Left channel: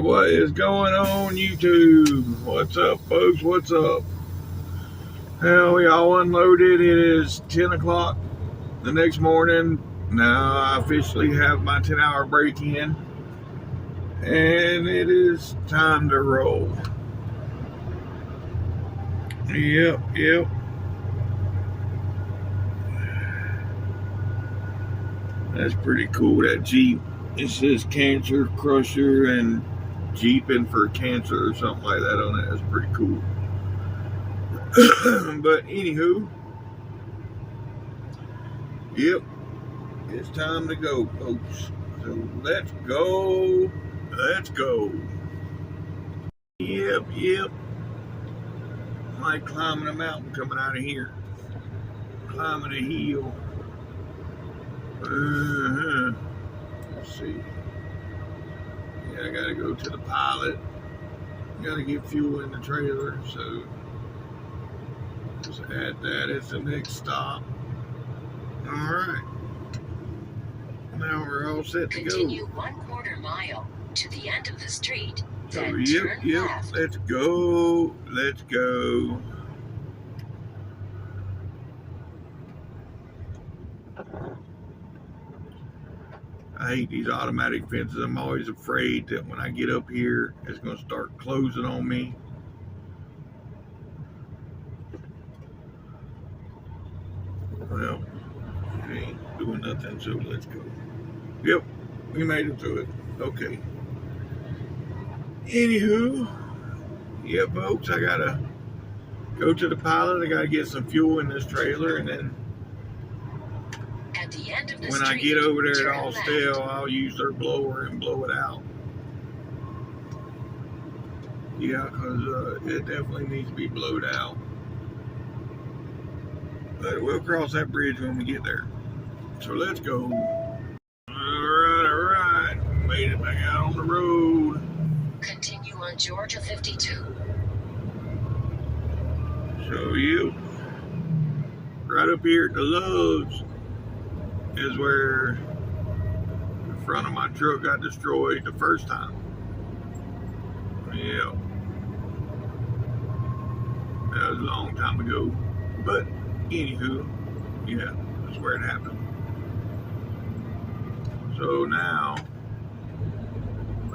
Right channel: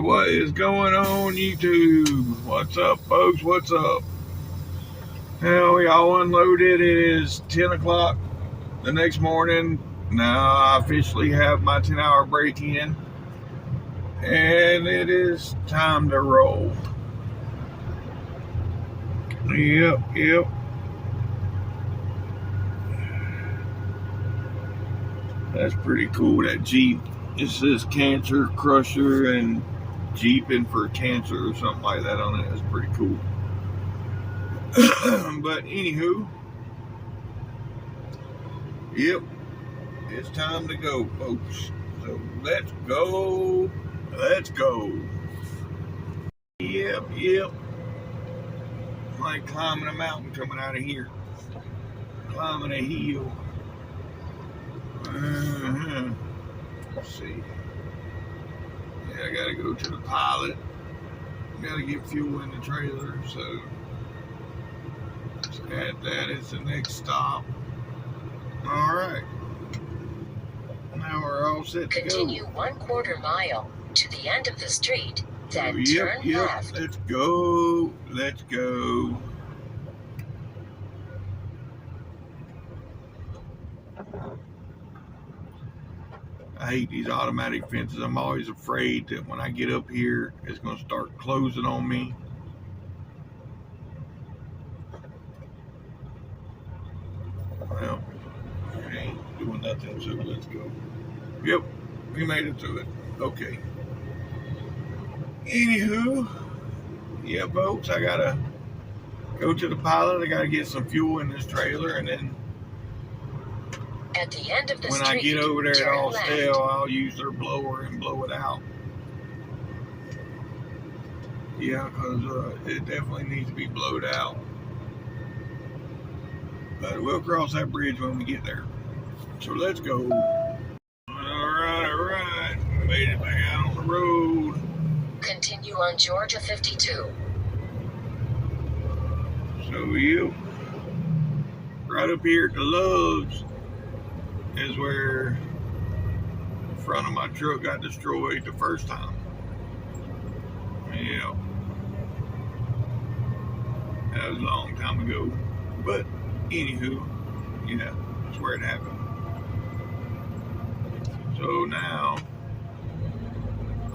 what is going on YouTube? What's up, folks? What's up? Well, we all unloaded. It is 10 o'clock the next morning. Now I officially have my 10-hour break in, and it is time to roll. Yep. That's pretty cool. That Jeep, it says Cancer Crusher and Jeeping for Cancer or something like that on it. That's pretty cool. But anywho, yep, it's time to go, folks. So let's go. Yep. Like climbing a mountain coming out of here. Climbing a hill. Let's see. Yeah, I gotta go to the pilot. Gotta get fuel in the trailer, so that is the next stop. Alright. Now we're all set to go. Continue 1/4 mile to the end of the street. Then So, turn yep. left. Let's go. I hate these automatic fences. I'm always afraid that when I get up here, it's going to start closing on me. Well, it ain't doing nothing, so let's go. Yep, we made it through it. Okay. Anywho, yeah, folks, I gotta go to the pilot. I gotta get some fuel in this trailer, and then At the end of the when street, I get over there at turn Austell, left. I'll use their blower and blow it out. Yeah, because it definitely needs to be blowed out. But we'll cross that bridge when we get there. So let's go. Alright. Made it back out on the road. Continue on Georgia 52. So you, right up here at the Loves is where the front of my truck got destroyed the first time. Yeah. That was a long time ago. But anywho, yeah, that's where it happened. So now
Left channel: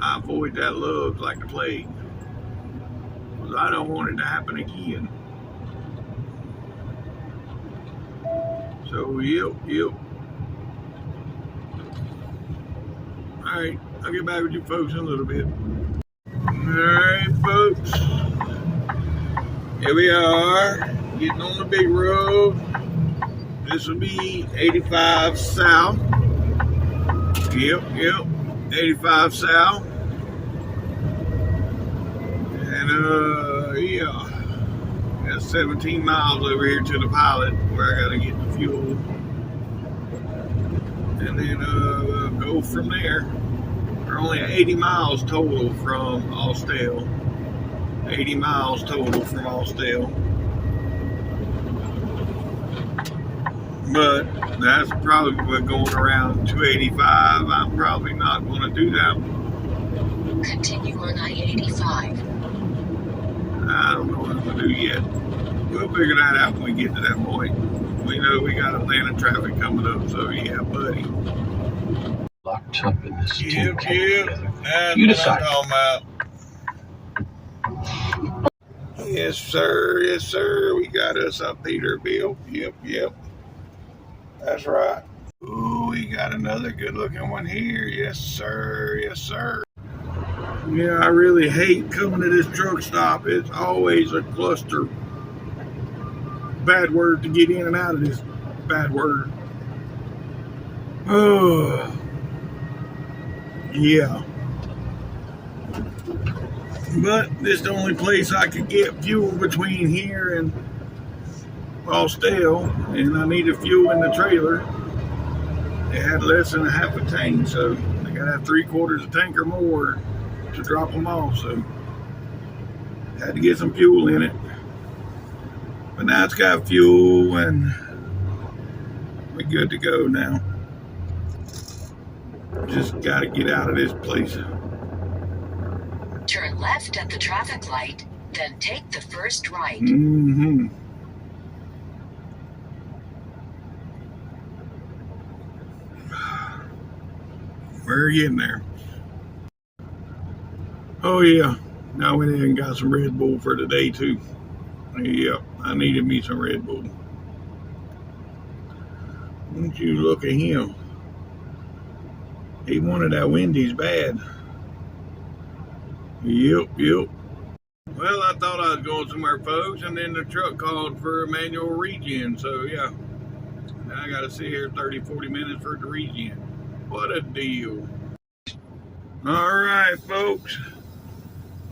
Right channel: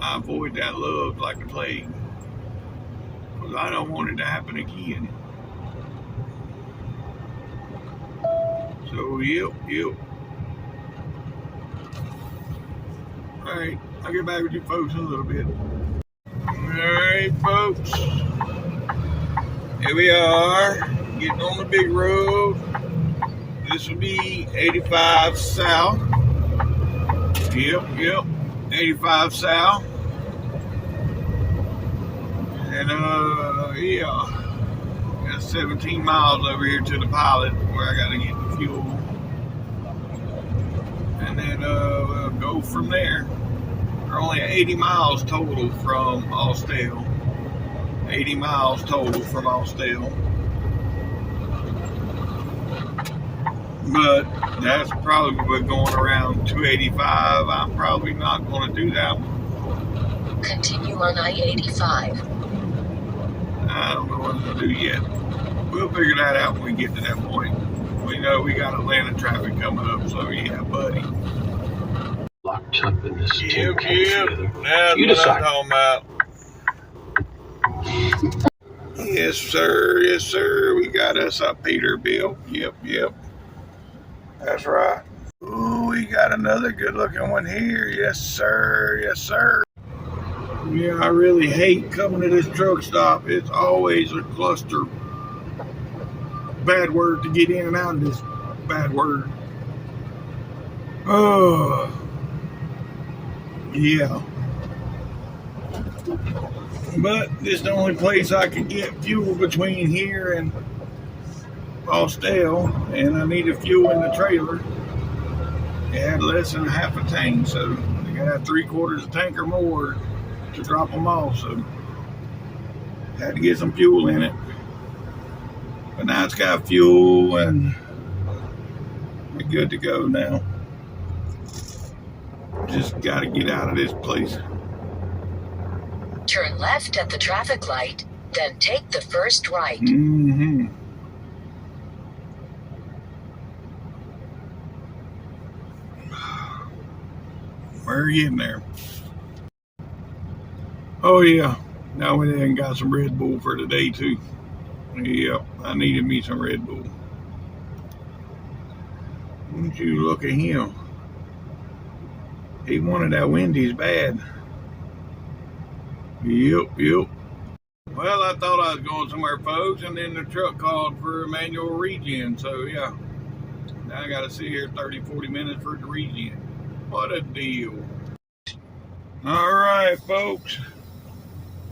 I avoid that Loves like the plague, because I don't want it to happen again. So yep. Alright, I'll get back with you folks in a little bit. Alright, folks. Here we are, getting on the big road. This will be 85 South. Yep, 85 South. And yeah, got 17 miles over here to the pilot where I gotta get the fuel. And then we'll go from there. We're only 80 miles total from Austell. 80 miles total from Austell. But that's probably going around 285. I'm probably not going to do that. Continue on I-85. I don't know what I'm going to do yet. We'll figure that out when we get to that point. We know we got Atlanta traffic coming up, so yeah, buddy. Locked up in this Yep. together. That's You what decide. I'm talking about. Yes, sir. We got us a Peterbilt. Yep. That's right. Ooh, we got another good-looking one here. Yes, sir. Yeah, I really hate coming to this truck stop. It's always a cluster. Bad word to get in and out of this bad word. Oh, yeah. But this is the only place I could get fuel between here and Austell, and I needed fuel in the trailer. It had less than a half a tank, so I gotta have 3/4 a tank or more to drop them off. So had to get some fuel in it. But now it's got fuel and we're good to go now. Just gotta get out of this place. Turn left at the traffic light, then take the first right. Mm-hmm. We're getting there. Oh yeah. Now we done got some Red Bull for today too. Yep, I needed me some Red Bull. Won't you look at him? He wanted that Wendy's bad. Yep. Well, I thought I was going somewhere, folks, and then the truck called for a manual regen. So yeah, now I got to sit here 30, 40 minutes for it to regen. What a deal. All right, folks.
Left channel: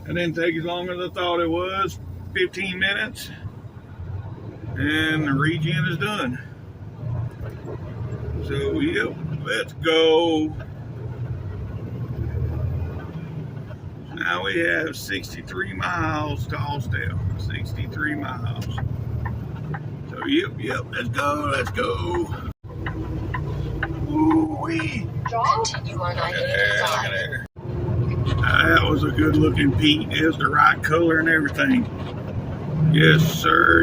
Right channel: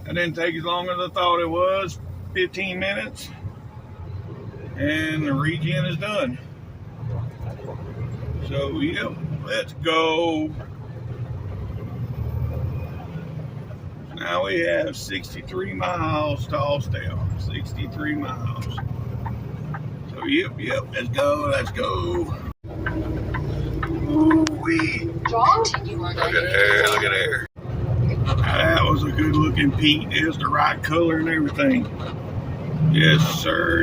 That didn't take as long as I thought it was. 15 minutes. And the regen is done. So, yep, let's go. Now we have 63 miles to Austell. 63 miles. So, yep, let's go. Ooh-wee. Continue on Look at there. Now, that was a good looking Pete. It's the right color and everything. Yes, sir.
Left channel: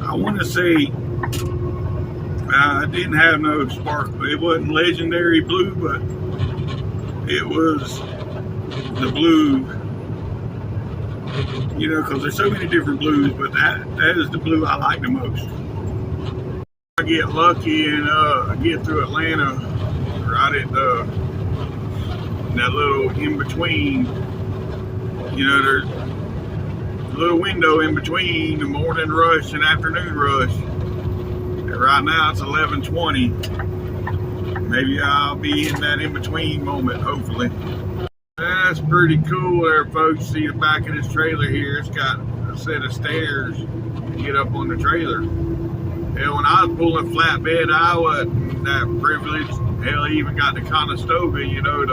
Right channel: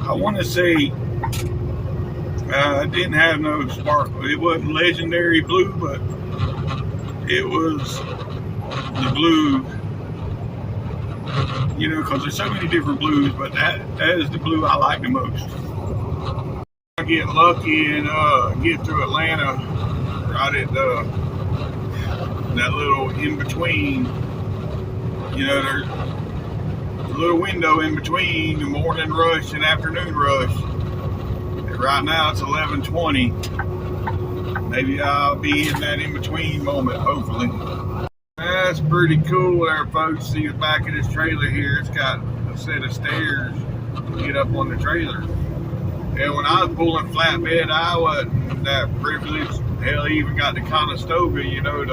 I want to say it didn't have no sparkle. It wasn't legendary blue, but it was the blue. You know, because there's so many different blues, but that is the blue I like the most. I get lucky and get through Atlanta right at that little in between. You know, there's a little window in between the morning rush and afternoon rush. And right now it's 11:20. Maybe I'll be in that in between moment, hopefully. That's pretty cool there, folks. See the back of this trailer here. It's got a set of stairs to get up on the trailer. And when I was pulling flatbed, I wasn't that privileged. Hell, I even got the Conestoga, you know,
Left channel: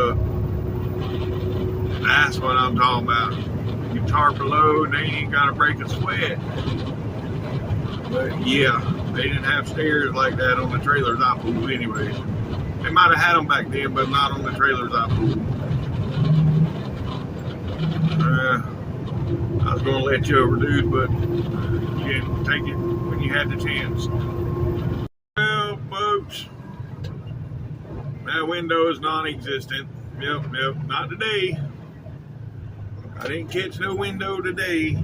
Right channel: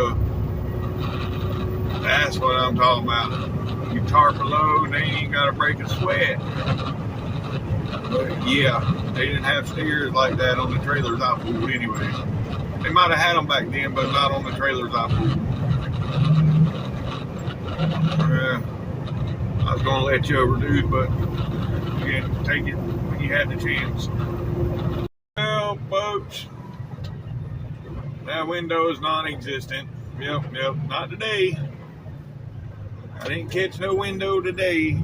that's what I'm talking about. You tarp a load and they ain't got to break a sweat. But yeah, they didn't have stairs like that on the trailers I pulled anyway. They might have had them back then, but not on the trailers I pulled. I was going to let you over, dude, but you didn't take it when you had the chance. Well, folks, that window is non-existent. Yep, not today. I didn't catch no window today.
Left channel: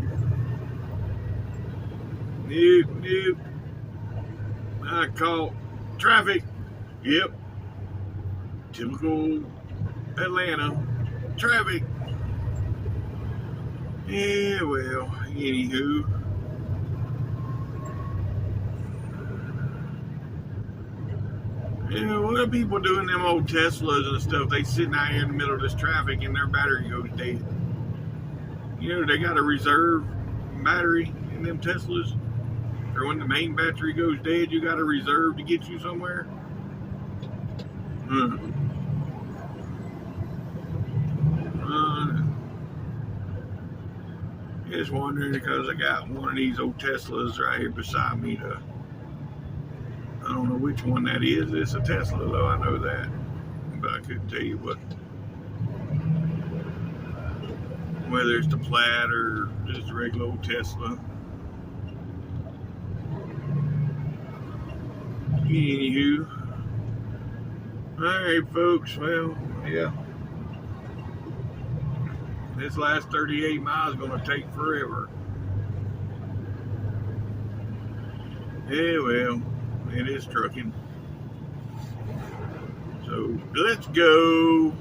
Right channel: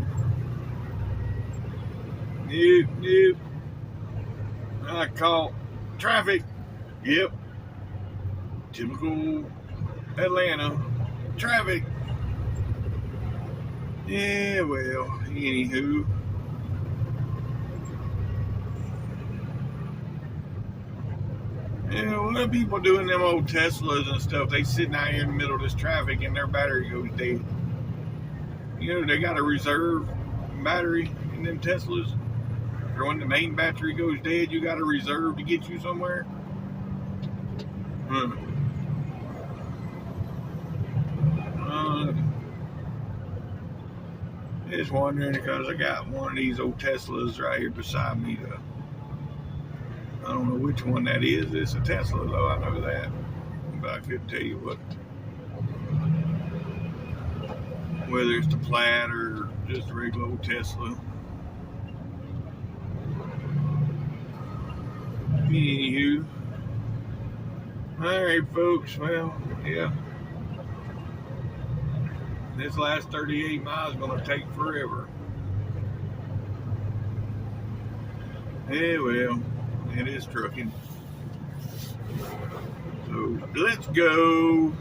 Nope. I caught traffic. Yep. Typical Atlanta traffic. Yeah, well, anywho. Yeah, what are people doing them old Teslas and stuff? They sitting out here in the middle of this traffic and their battery goes dead. You know, they got a reserve battery in them Teslas. Or when the main battery goes dead, you got a reserve to get you somewhere. Just wondering because I got one of these old Teslas right here beside me. I don't know which one that is. It's a Tesla though, I know that. But I couldn't tell you whether it's the Plaid or just a regular old Tesla. Anywho. Alright, folks. Well, yeah. This last 38 miles is going to take forever. Yeah, well, it is trucking. So, let's go.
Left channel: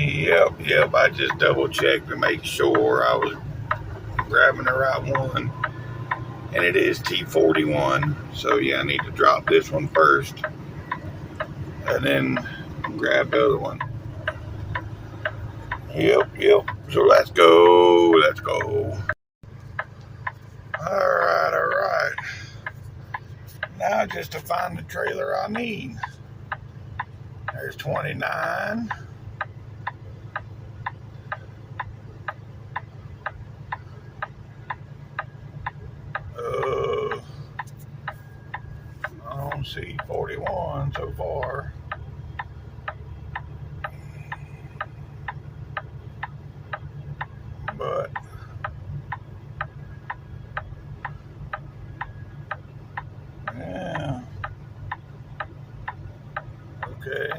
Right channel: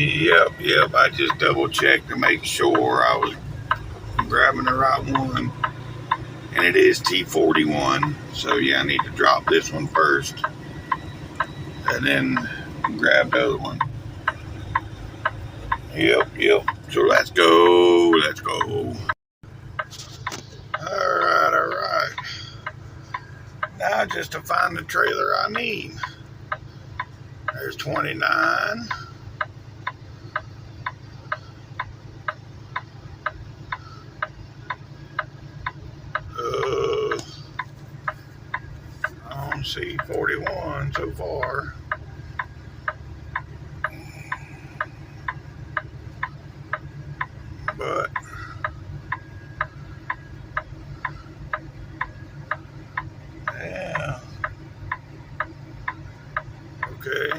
Yep. I just double checked to make sure I was grabbing the right one. And it is T41. So yeah, I need to drop this one first. And then grab the other one. Yep. So let's go. Alright. Now just to find the trailer I need. There's 29. I don't see 41 so far. But yeah. Okay.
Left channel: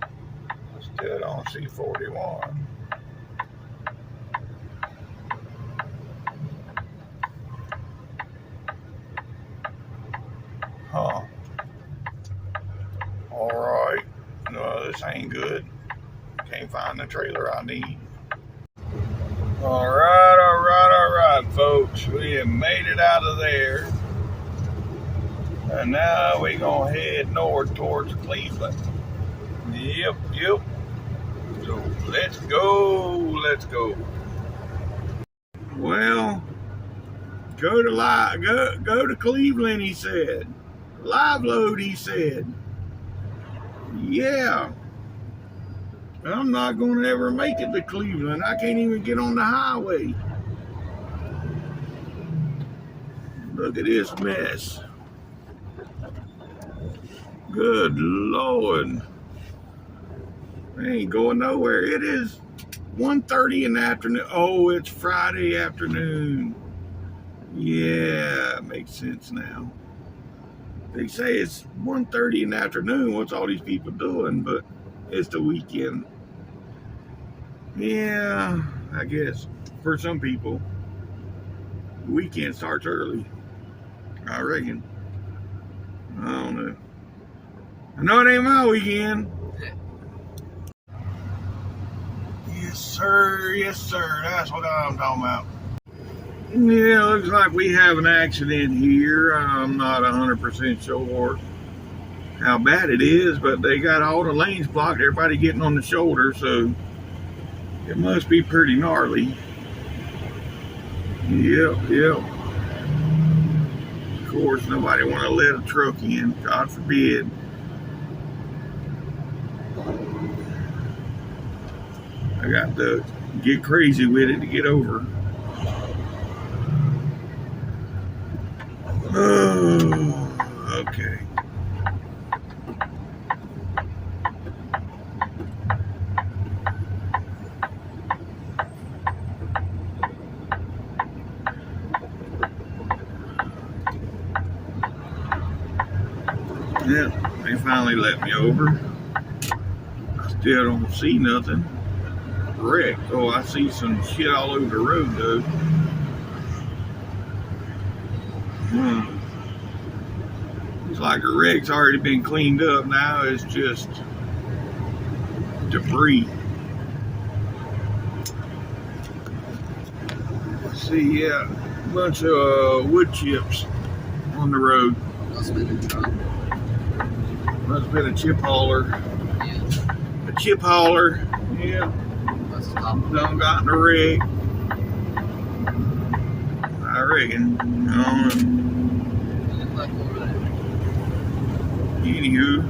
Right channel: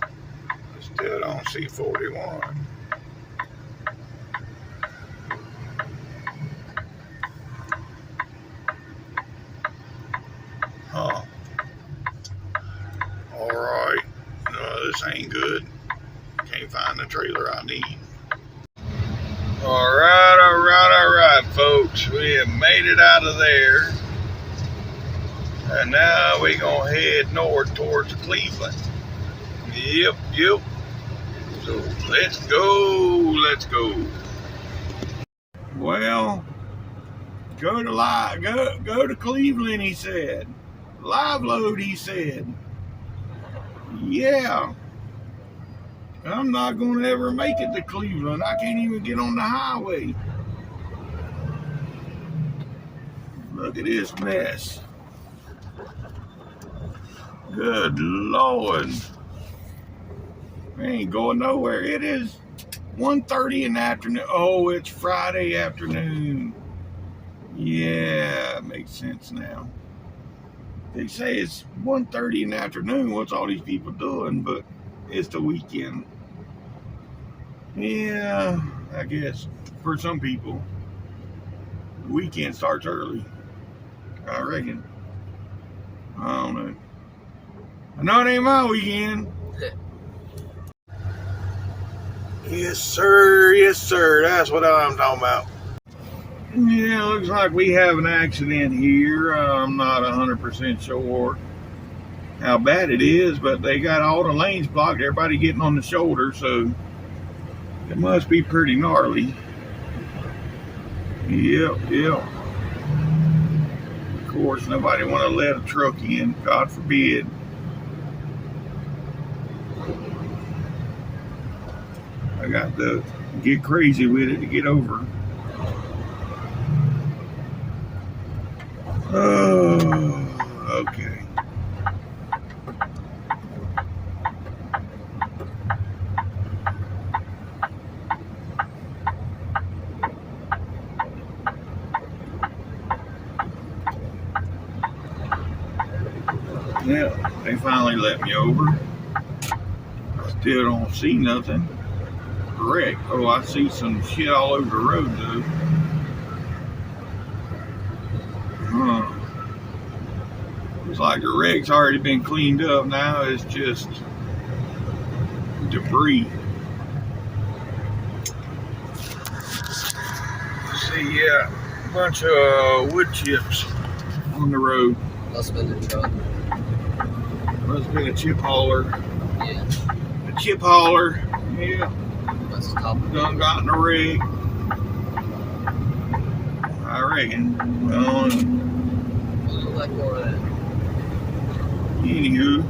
I still don't see 41. Huh. Alright. No, this ain't good. Can't find the trailer I need. Alright, folks. We have made it out of there. And now we're going to head north towards Cleveland. Yep. So let's go. Well, go to Cleveland, he said. Live load, he said. Yeah. I'm not going to ever make it to Cleveland. I can't even get on the highway. Look at this mess. Good Lord. I ain't going nowhere. It is 1:30 in the afternoon. Oh, it's Friday afternoon. Yeah, makes sense now. They say it's 1:30 in the afternoon. What's all these people doing? But it's the weekend. Yeah, I guess for some people, the weekend starts early. I reckon. I don't know. I know it ain't my weekend. Yes, sir. That's what I'm talking about. Yeah, looks like we have an accident here. I'm not 100% sure how bad it is, but they got all the lanes blocked. Everybody getting on the shoulder, so it must be pretty gnarly. Yep. Of course, nobody want to let a truck in. God forbid. I got to get crazy with it to get over. Oh, okay. Yeah, they finally let me over. I still don't see nothing. Wreck. Oh, I see some shit all over the road though. Huh. Looks like the wreck's already been cleaned up. Now it's just debris. Let's see, yeah, a bunch of wood chips on the road. Must have been the truck. Must have been a chip hauler. Yeah. A chip hauler. Yeah. Must have stopped. Done got in a wreck. I reckon. Look like more of that. Anywho,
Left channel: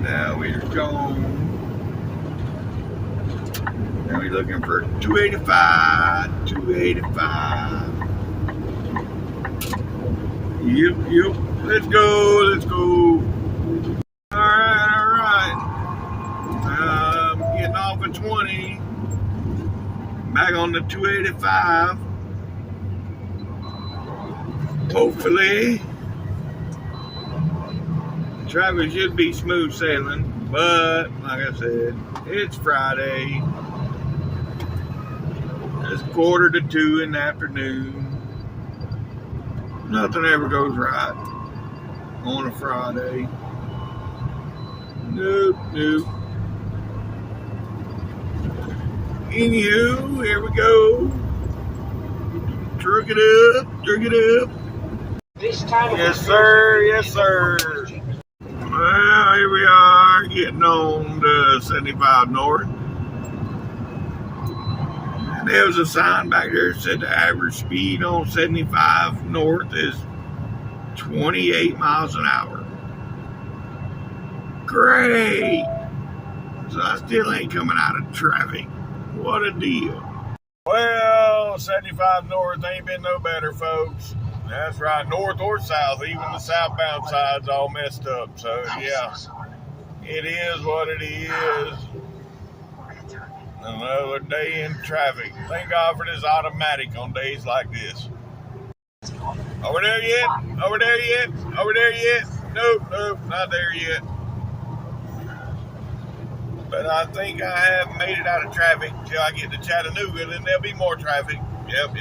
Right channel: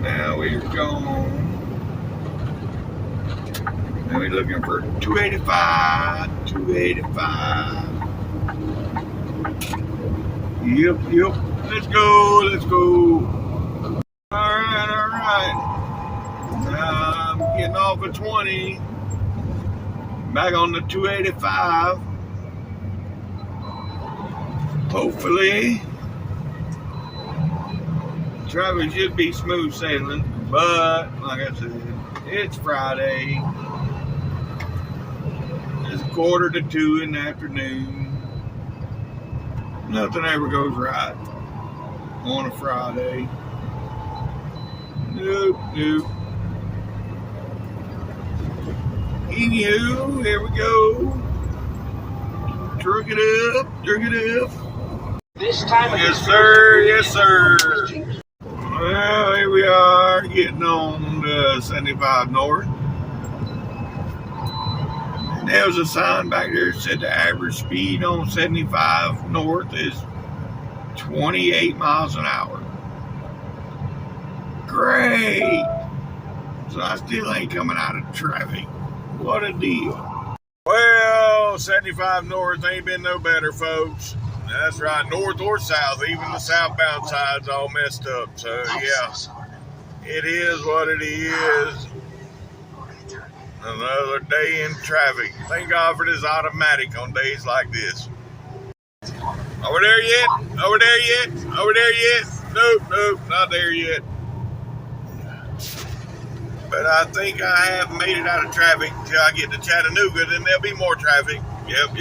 now we're gone. Now we're looking for 285. Yep. Let's go. Alright. Now I'm getting off at 20. Back on the 285. Hopefully. Traffic should be smooth sailing, but like I said, it's Friday. It's 1:45 in the afternoon. Nothing ever goes right on a Friday. And Nope, nope. Anywho, here we go. Truck it up. This time Yes, sir, yes, sir. Well, here we are, getting on to 75 North. And there was a sign back there that said the average speed on 75 North is 28 miles an hour. Great! So I still ain't coming out of traffic. What a deal. Well, 75 North ain't been no better, folks. That's right, north or south, even the southbound side's all messed up. So, yeah, it is what it is. Another day in traffic. Thank God for this automatic on days like this. Over there yet? Over there yet? Over there yet? Nope, not there yet. But I think I have made it out of traffic till I get to Chattanooga, then there'll be more traffic. Yep.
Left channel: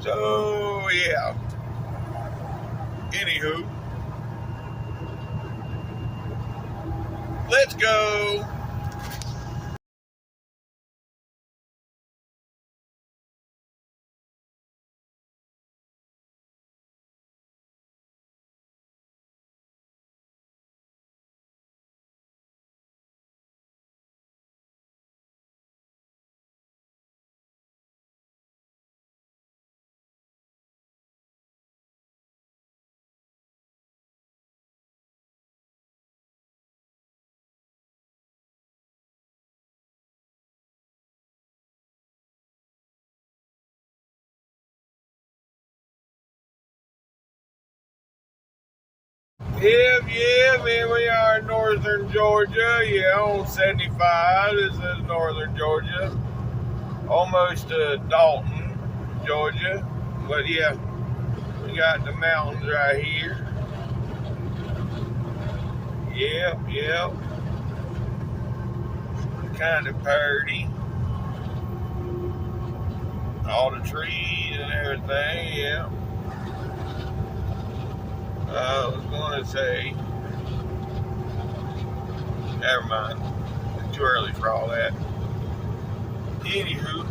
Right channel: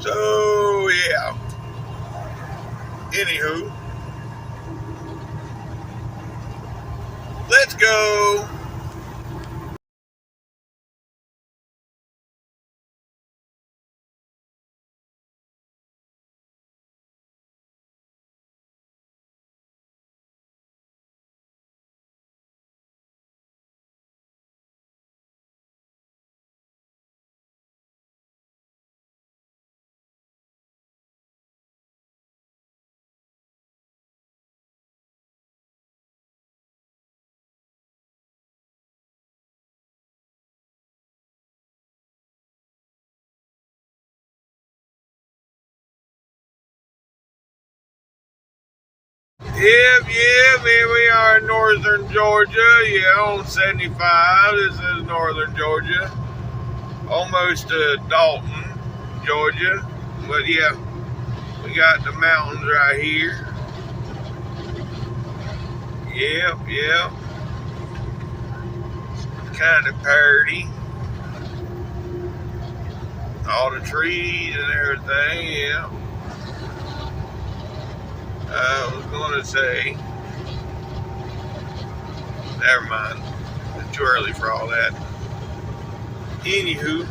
So, yeah. Anywho, let's go. Yep, here we are in northern Georgia. Yeah, on 75. This is northern Georgia. Almost to Dalton, Georgia. But yeah, we got the mountains right here. Yep. It's kind of pretty. All the trees and everything, yeah. I was going to say, never mind. It's too early for all that. Anywho,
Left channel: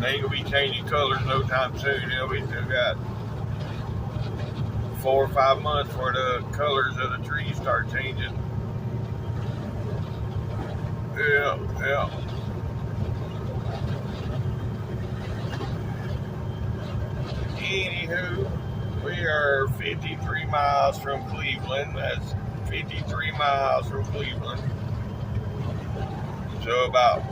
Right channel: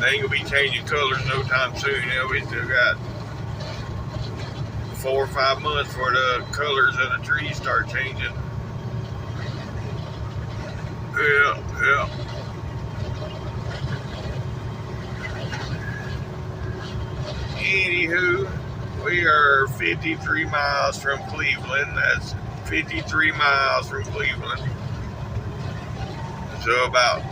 they ain't going to be changing colors no time soon. You know, we still got 4 or 5 months before the colors of the trees start changing. Yeah. Anywho, we are 53 miles from Cleveland. That's 53 miles from Cleveland. So about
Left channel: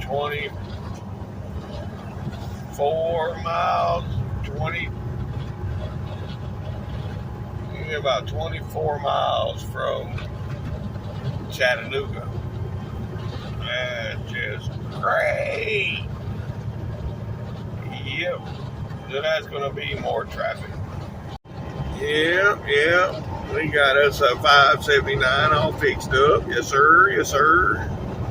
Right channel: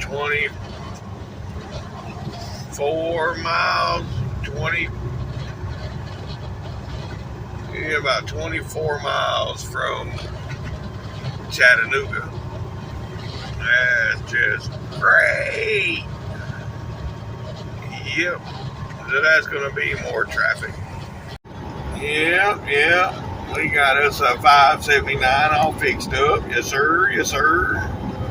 24 miles, about 24 miles from Chattanooga. That's just great. Yep. So that's going to be more traffic. Yep. We got us a 579 all fixed up. Yes, sir.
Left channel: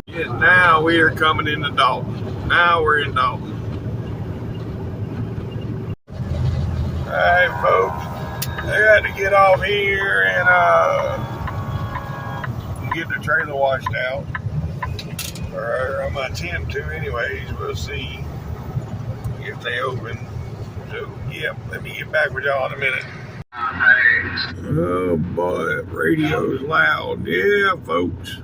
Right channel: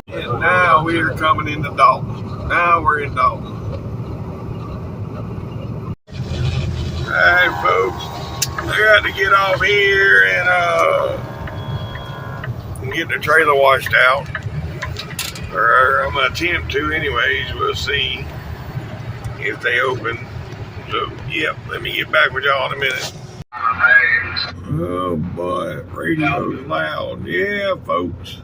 And now we are coming into Dalton. Now we're in Dalton. All right, folks. I got to get off here and get the trailer washed out. Or I'm going to attempt to anyways. We'll see if they open. So, yep, let me get back with y'all in a minute. Oh boy, radio's loud. Yeah, folks.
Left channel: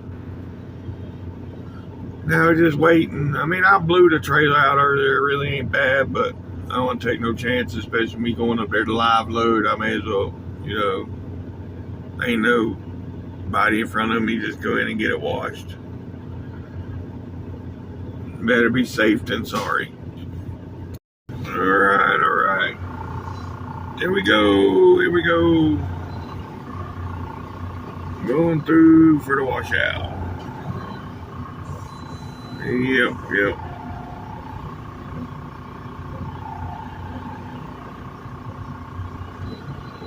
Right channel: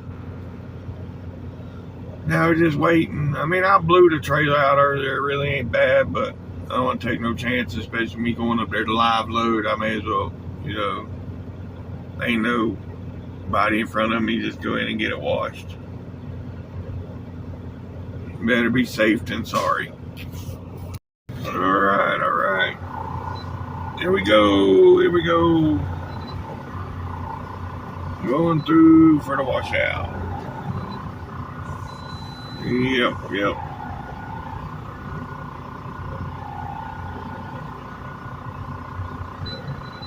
Now we're just waiting. I mean, I blew the trailer out earlier. It really ain't bad, but I don't want to take no chances, especially me going up there to live load. I may as well, ain't nobody in front of me. Just go in and get it washed. Better be safe than sorry. All right. Here we go. Going through for the washout. Yep.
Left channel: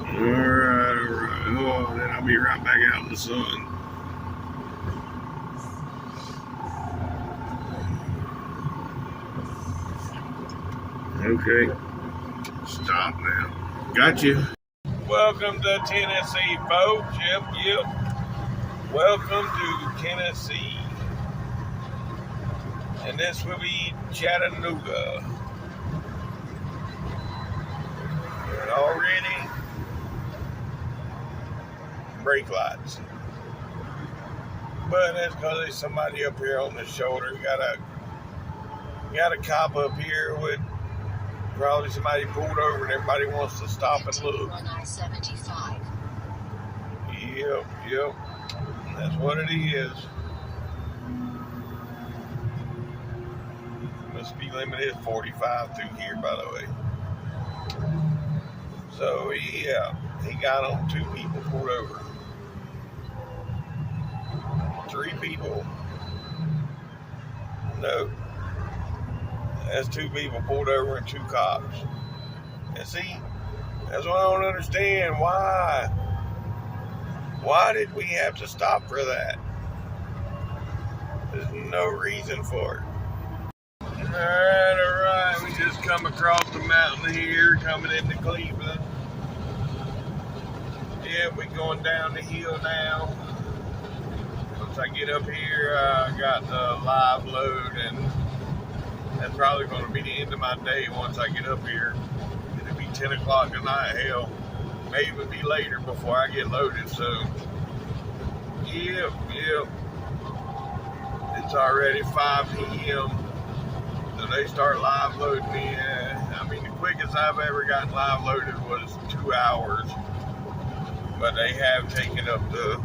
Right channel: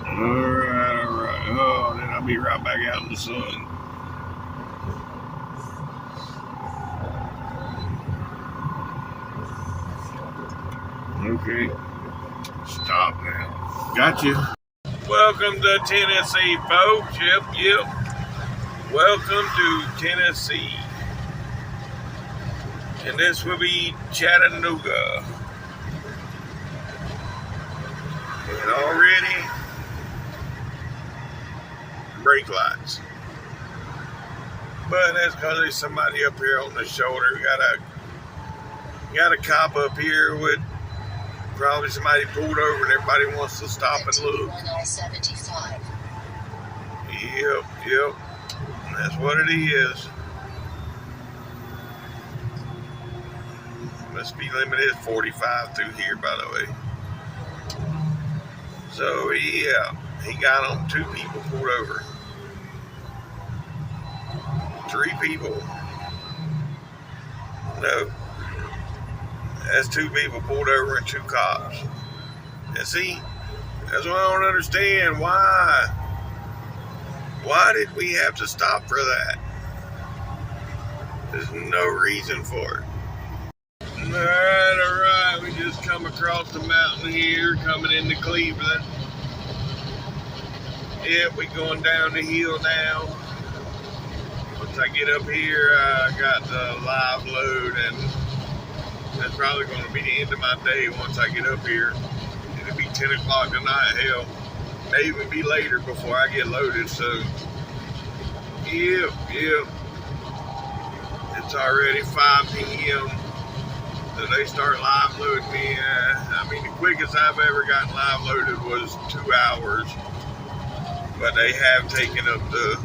All right. Oh, then I'll be right back out in the sun. Okay. Stop now. Got you. Welcome to Tennessee, folks. Yep. Welcome to Tennessee. And this will be Chattanooga. And already brake lights. But that's because there's somebody up here on the shoulder. Got a cop up here with probably somebody pulled over and everybody wants to stop and look. I-75. Yep. That's what it is. The speed limit is 45 through here, by the way. So yeah, he got on 2 people pulled over. 3 people. No. That's 2 people pulled over and 2 cops. And see, that's what I don't understand. Why did we have to stop for that? There's no reason for it. All right. We just come across the mountain here, coming into Cleveland. Yeah, we going down the hill now. Once I get up here, I got the live load, and that's probably going to be the end of my day once I get up here. It'll be 10 o'clock tonight. Hell, may even be later before I get loaded. So, yep. It's already 5 p.m. So they start live loading me. I mean, the quickest I've ever gotten live loaded was 2 hours. But they have taken up to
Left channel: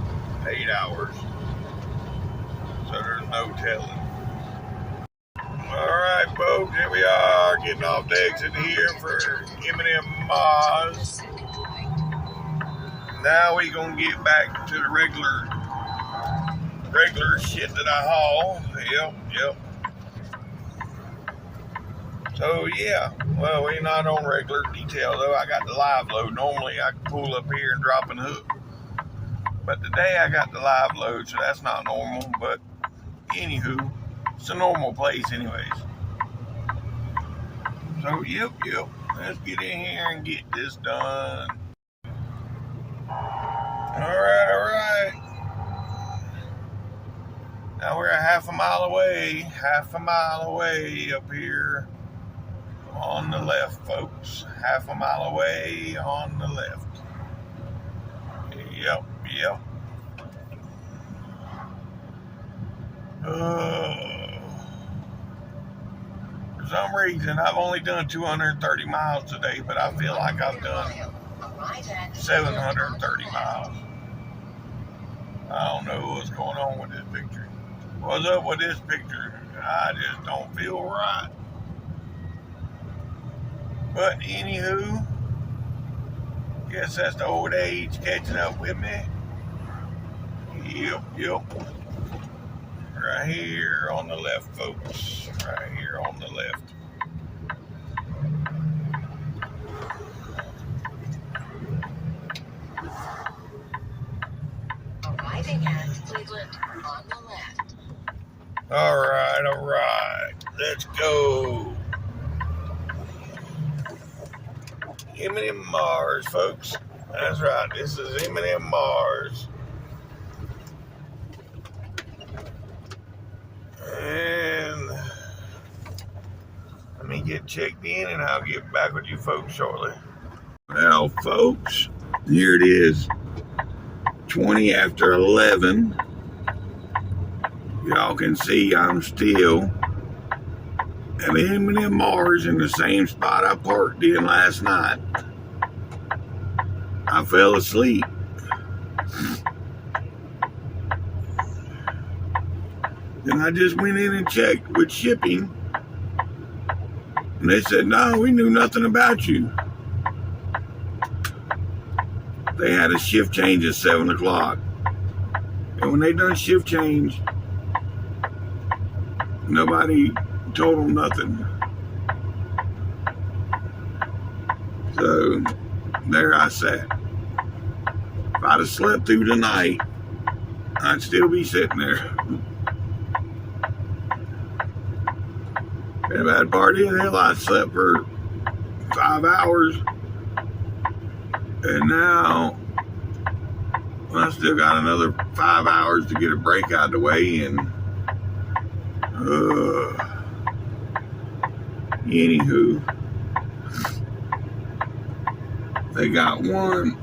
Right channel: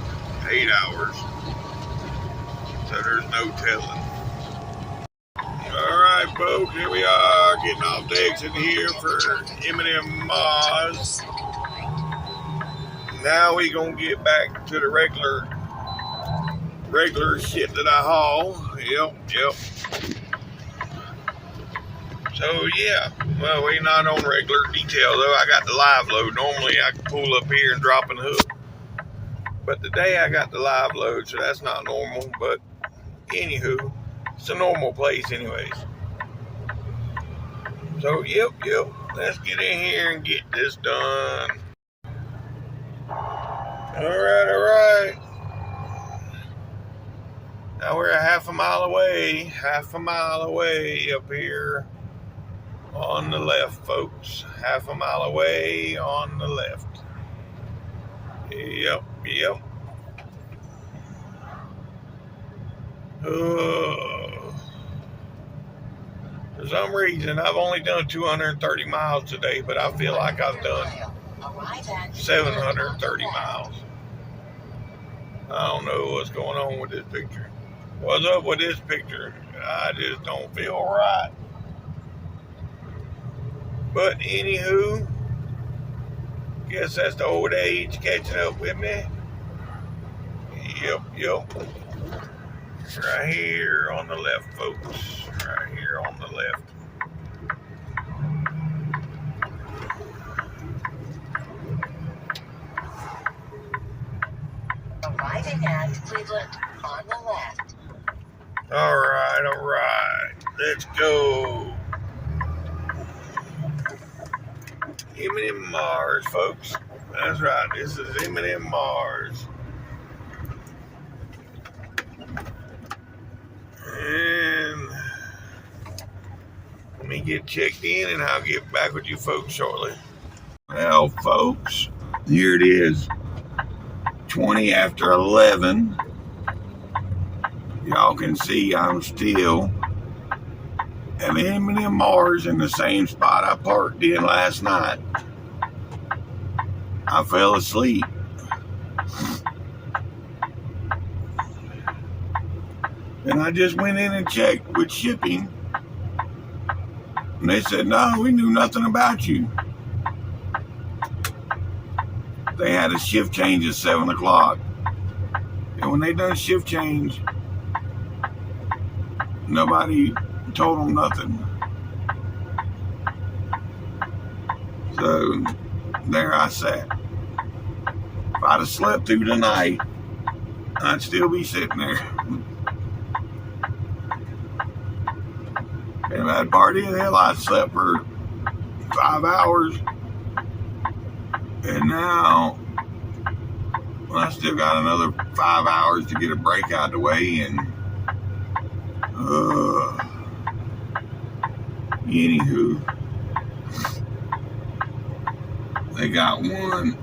8 hours. So there's no telling. All right, folks, here we are getting off the exit here for M&M Mars. Now we gonna get back to the regular shit that I haul. Yep. So yeah, well, we're not on regular detail though. I got the live load. Normally I can pull up here and drop and hook, but today I got the live load, so that's not normal. But anywho, it's a normal place anyways. So yep. Let's get in here and get this done. All right. Now we're a half a mile away up here on the left, folks. Half a mile away on the left. Yep. For some reason, I've only done 230 miles today, but I feel like I've done 730 miles. I don't know what's going on with this picture. What's up with this picture? I just don't feel right. But anywho, guess that's the old age catching up with me. Yep. Right here on the left, folks. Right here on the left. Arriving at Cleveland on the left. All right. Let's go. M&M Mars, folks. That's right. This is M&M Mars. And let me get checked in and I'll get back with you folks shortly. Well, folks, here it is. 20 after 11. Y'all can see I'm still at M&M Mars in the same spot I parked in last night. I fell asleep. And I just went in and checked with shipping. And they said, no, we knew nothing about you. They had a shift change at 7 o'clock. And when they done shift change, nobody told them nothing. So there I sat. If I'd have slept through the night, I'd still be sitting there. Been a bad party. Hell, I slept for 5 hours. And now I still got another 5 hours to get a break out of the way, and anywho, they got one.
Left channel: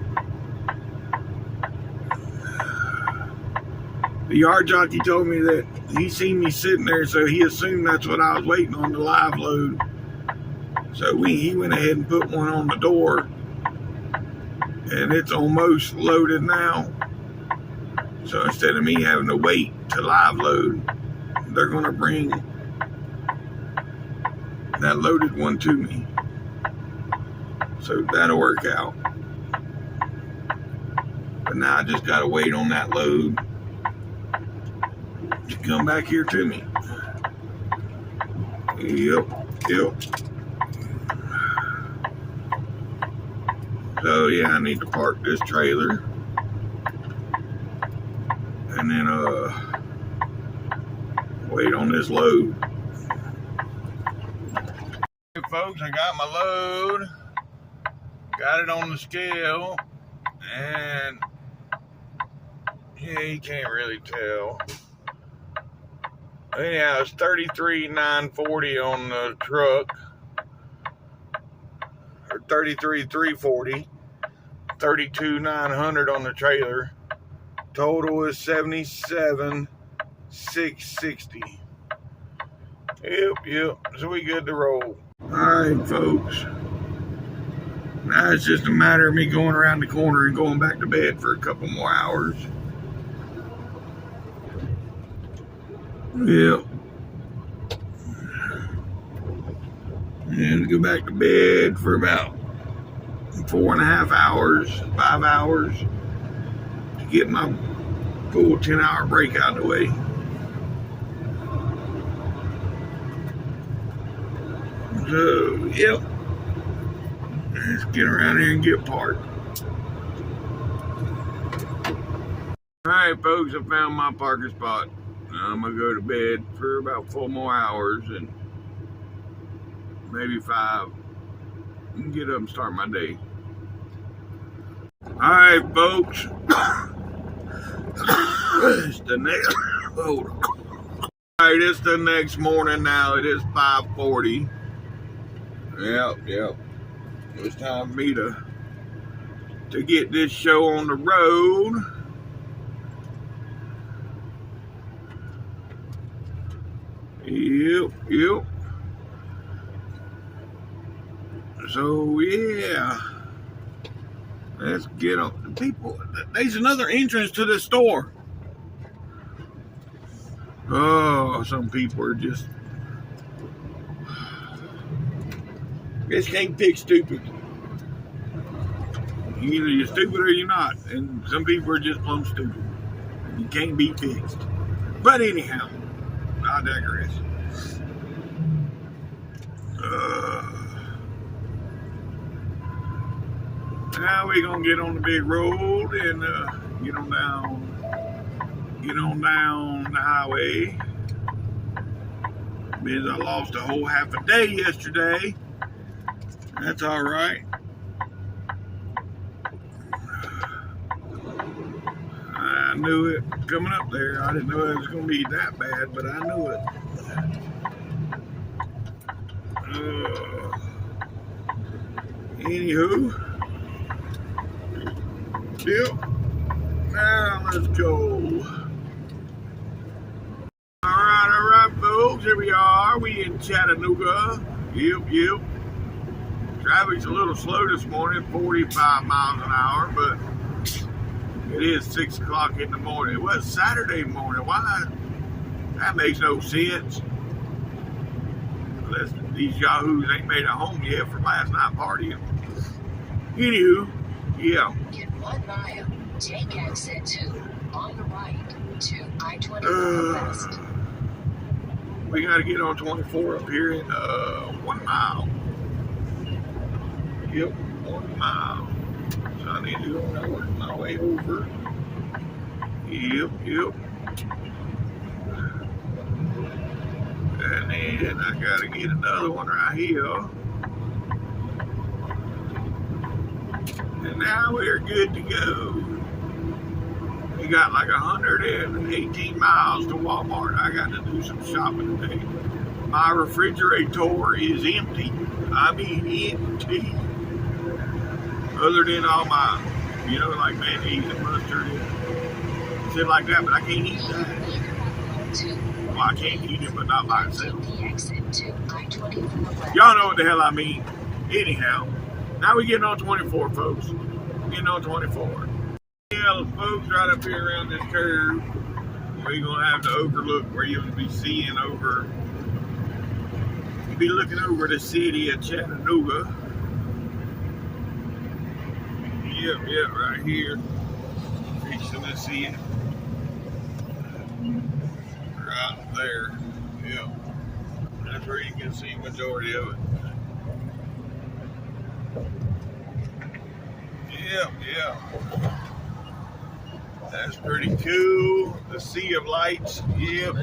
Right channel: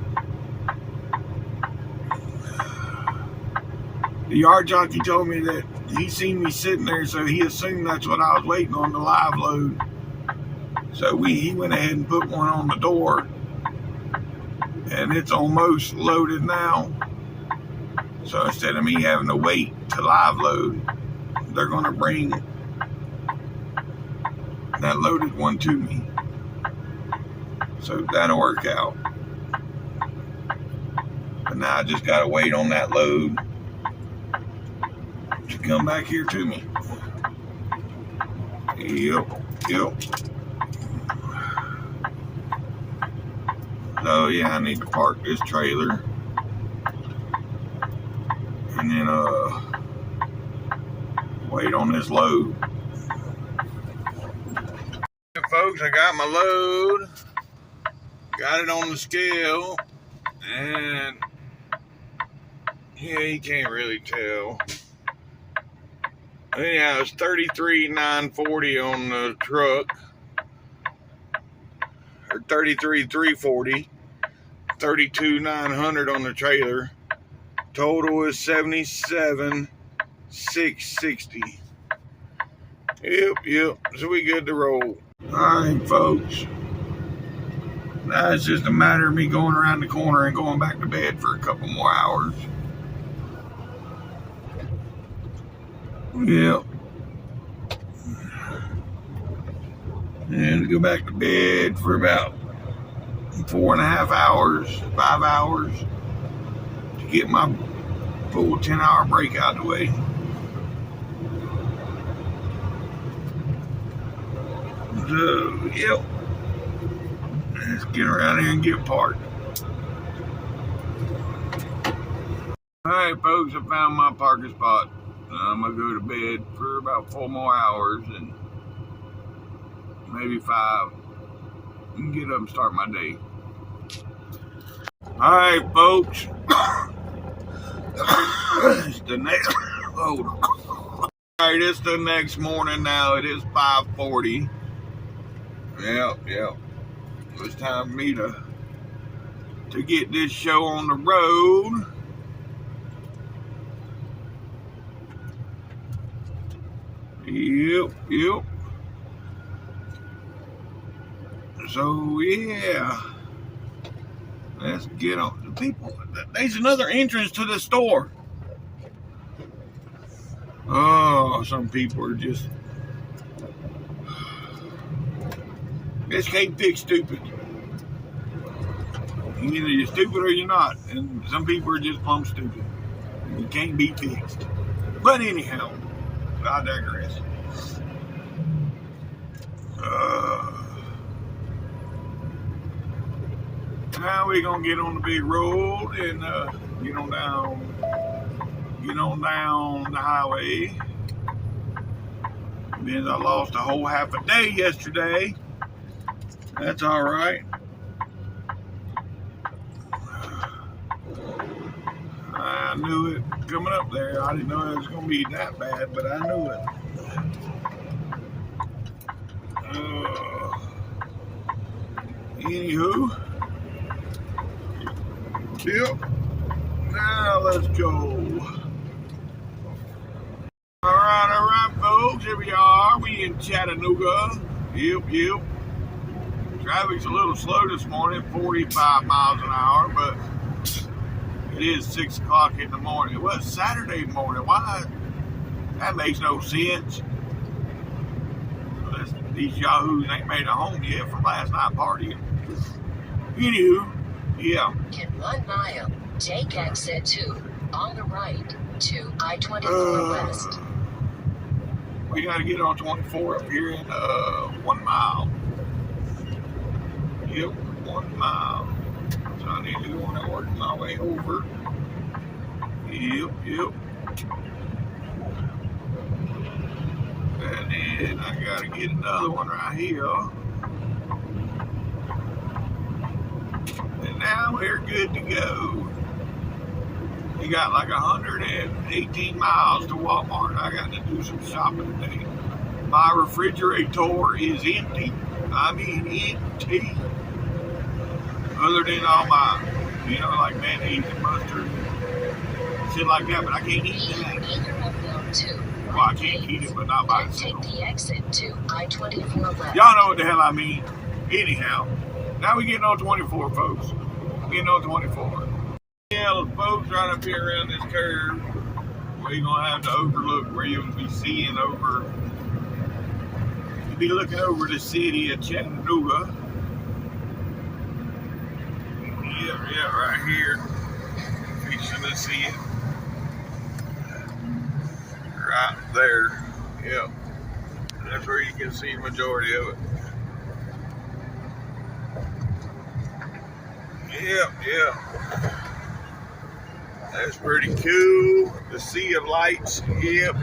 The yard jockey told me that he seen me sitting there, so he assumed that's what I was waiting on, the live load. So he went ahead and put one on the door, and it's almost loaded now. So instead of me having to wait to live load, they're going to bring that loaded one to me. So that'll work out. But now I just got to wait on that load to come back here to me. Yep. So yeah, I need to park this trailer. And then wait on this load. Hey folks, I got my load. Got it on the scale. And yeah, you can't really tell. Anyhow, it's 33,940 on the truck, or 33,340, 32,900 on the trailer. Total is 77,660. Yep. So we good to roll. All right, folks. Now it's just a matter of me going around the corner and going back to bed for a couple more hours. Yep. And go back to bed for about 4.5 hours, 5 hours to get my full 10-hour break out of the way. So, yep. Let's get around here and get parked. Alright, folks, I found my parking spot. I'm gonna go to bed for about 4 more hours and maybe 5 and get up and start my day. All right, folks. It's the next. Hold on. All right, it's the next morning now. It is 5:40. Yep. It's time for me to get this show on the road. Yep. So yeah, let's get on. The people, there's another entrance to the store. Oh, some people are just can't pick stupid. Either you're stupid or you're not, and some people are just plumb stupid. You can't be fixed. But anyhow, I digress. Now we're gonna get on the big road and get on down the highway. Because I lost a whole half a day yesterday. That's all right. I knew it coming up there. I didn't know it was gonna be that bad, but I knew it. Anywho, yep. Now let's go. All right, folks. Here we are. We in Chattanooga. Yep. Traffic's a little slow this morning, 45 miles an hour, but it is 6 o'clock in the morning. It was Saturday morning. Why? That makes no sense. Unless these yahoos ain't made it home yet from last night partying. Anywho, yeah. In 1 mile, take exit 2 on the right to I-24 West. We got to get on 24 up here in 1 mile. Yep, 1 mile. So I need to go and work my way over. Yep. And then I got to get another one right here. And now we're good to go. We got like 118 miles to Walmart. I got to do some shopping today. My refrigerator is empty. I mean empty. Other than all my, like mayonnaise and mustard and shit like that, but I can't eat that. Well, I can't eat it, but not by itself. The exit to I-24 left. Y'all know what the hell I mean. Anyhow, now we getting on 24, folks. Getting on 24. Yeah, folks, right up here around this curve where you're gonna have to overlook, where you'll be seeing over. You'll be looking over the city of Chattanooga. Yep, right here. Fixing to see it. Right there. Yep. That's where you can see the majority of it. Yep. That's pretty cool. The sea of lights. Yep.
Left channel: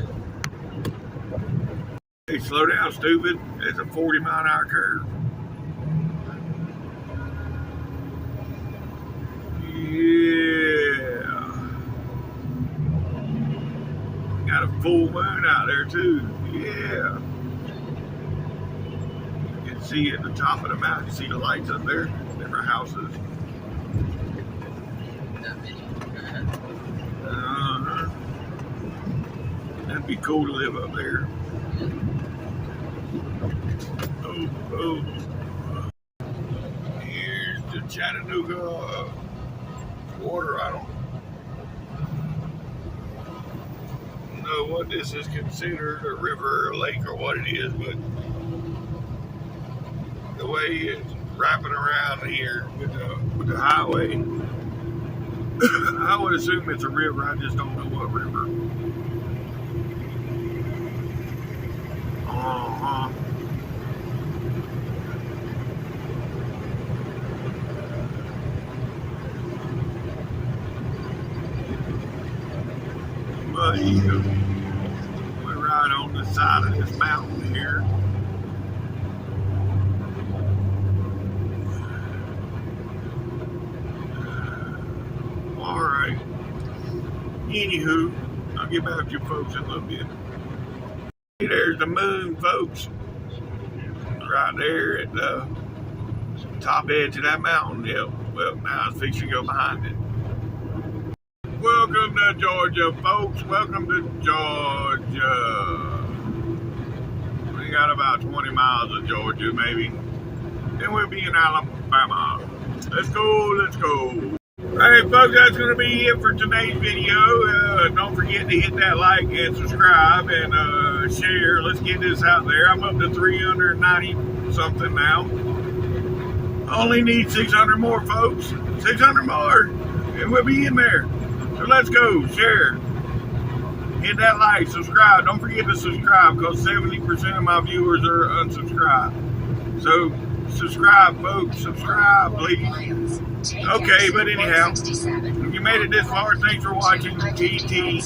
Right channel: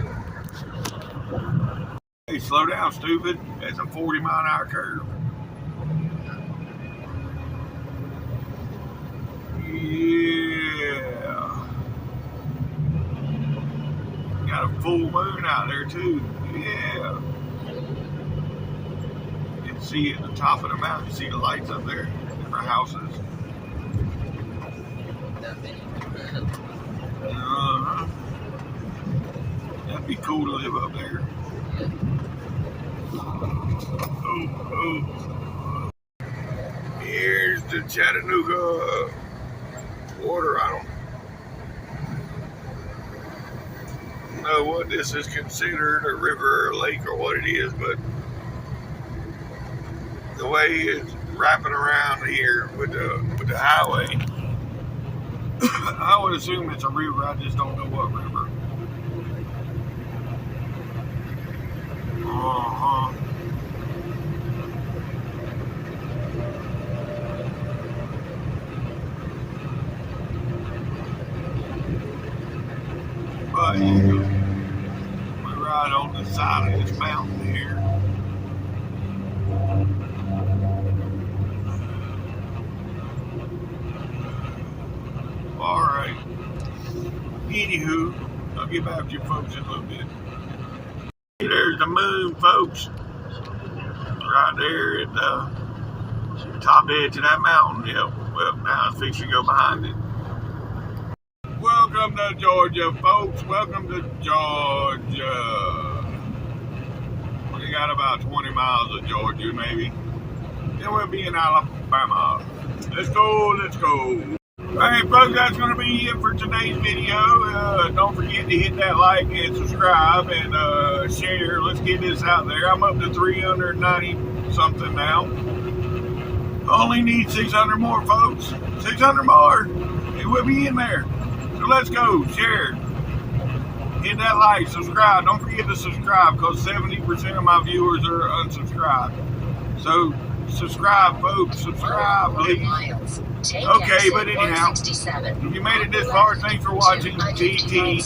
Hey, slow down, stupid. That's a 40-mile-an-hour curve. Yeah. Got a full moon out there too. Yeah. You can see at the top of the mountain, you see the lights up there, different houses. That many. Uh-huh. That'd be cool to live up there. Yeah. Oh. Here's the Chattanooga water. I don't know what this is considered, a river or a lake or what it is, but the way it's wrapping around here with the highway, I would assume it's a river. I just don't know what river. Uh-huh. But we're right on the side of this mountain here. All right. Anywho, I'll get back to you folks in a little bit. There's the moon, folks. Right there at the top edge of that mountain. Yep. Well, now it's fixing to go behind it. Welcome to Georgia, folks. Welcome to Georgia. We got about 20 miles of Georgia, maybe. Then we'll be in Alabama. Let's go. Alright, folks, that's going to be it for today's video. Don't forget to hit that like and subscribe and share. Let's get this out there. I'm up to 390 something now. Only need 600 more, folks. 600 more, and we'll be in there. So let's go, share, hit that like, subscribe. Don't forget to subscribe because 70% of my viewers are unsubscribed. So subscribe, folks, subscribe, please. Okay, but anyhow, if you made it this far, thanks for watching TTVE.